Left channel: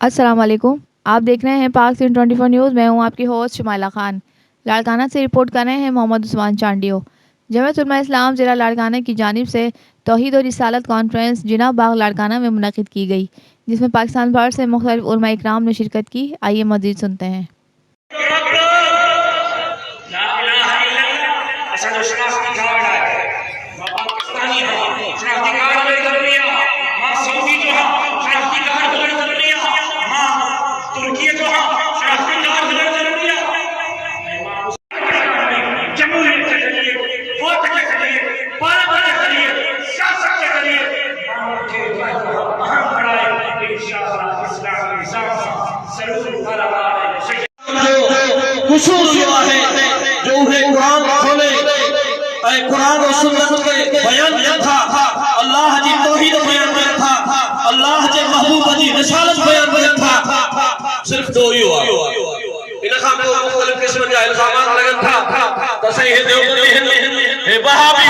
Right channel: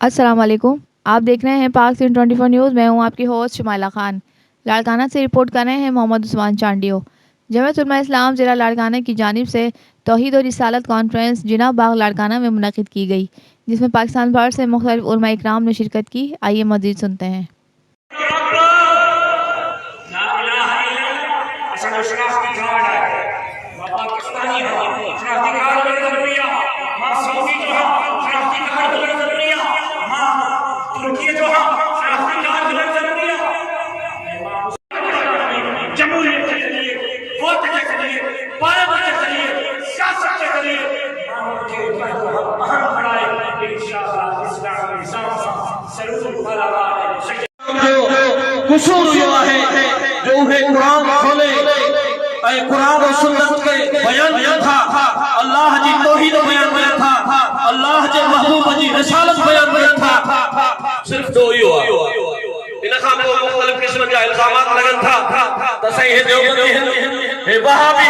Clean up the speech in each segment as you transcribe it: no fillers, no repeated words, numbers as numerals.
अस्सलाम वालेकुम। आप देख रहे हैं पाक सिंह 24 न्यूज़। मैं हूं आपकी होस्ट शुमाइला खान। लाड़काना से रिपोर्ट कर रहे हैं मोहम्मद उस्मान चांडियो। जमात उलमा इस्लाम ज़िला लाड़काना की जानिब से तौहीद और रिसालत कॉन्फ्रेंस जिना बाग लाड़काना में मुनक़िद की गई, जिसमें पाकिस्तान भर से मुख्तलिफ उलमा इकराम ने शिरकत की। आइए मज़ीद सुनते हैं। कुसूर हुआ है जो उन्हें कुरान खोले कुरान और सुन्नत के बयान में था, अल्लाह जी तौहीद बयान में था, अल्लाह जे महबूब जी रिसालत बयान में था। सिर्फ दो ही हुआ इन खां पोइ मुख़्तलिफ़ क़िस्म जा इल्ज़ामात लगन था त सही हे देवबंदी हे वहाबी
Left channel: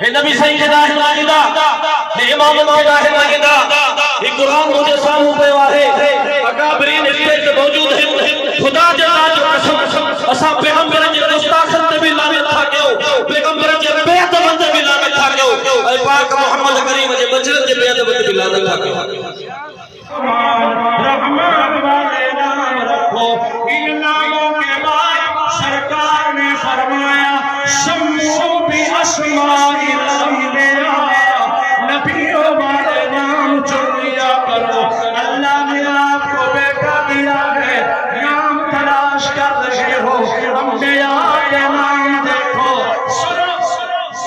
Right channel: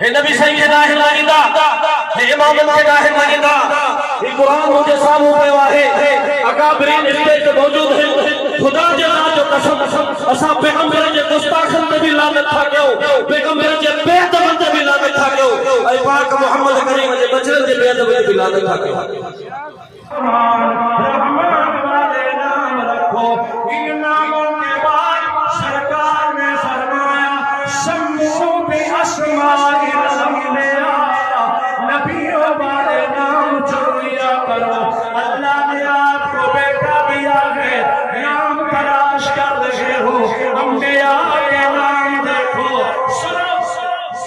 हे नबी सही के दाहिर मांगीदा हे इमामन के दाहिर मांगीदा ये कुरान मुझे सानू पे वाहे अकाबरीन इत्ते मौजूद है। खुदा जे नाम जो कसम असा पैगंबर जे गुस्ताखन ते भी लानत था कयो, पैगंबर जे बेअदब ते भी लानत था कयो, ऐ पाक मोहम्मद करीम जे बचन जे बेअदब ते भी लानत था कयो। रहमान वाले नाम रखो, इन नामों के बाद सरकार ने फरमाया सम्मू बि अस्माइल अंबिया, नबियों वाले नाम चुनिया करो। अल्लाह ने आपको बेटा दिया है, नाम तलाश कर रहे हो, अंबिया के नाम देखो।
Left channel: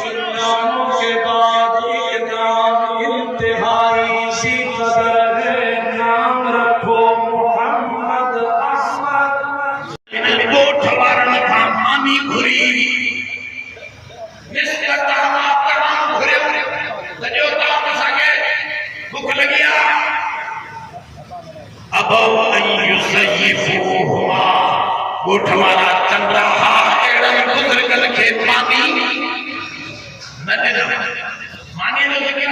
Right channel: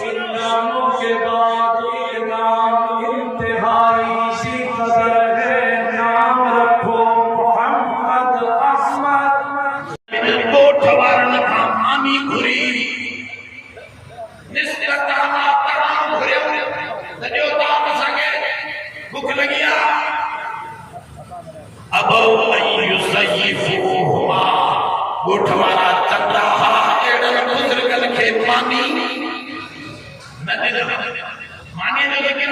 इन नामों के बाद ये नाम इंतहाई सी कदर है, नाम रखो मोहम्मद अहमद। कोट वारन था मानी घुरी भूख लगिया अब गोठ वाला चंद्रा बुजुर्गन के मानी मानी जो ज़िक्र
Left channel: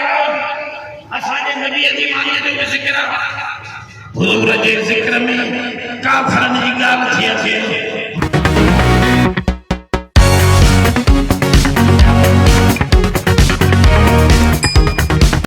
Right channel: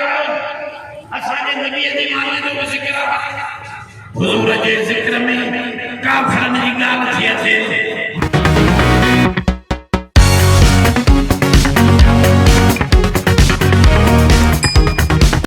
असांजे नबी जी मानी जो ज़िक्र हुजूर जे ज़िक्र में काफरन जी ॻाल्हि थी अचे।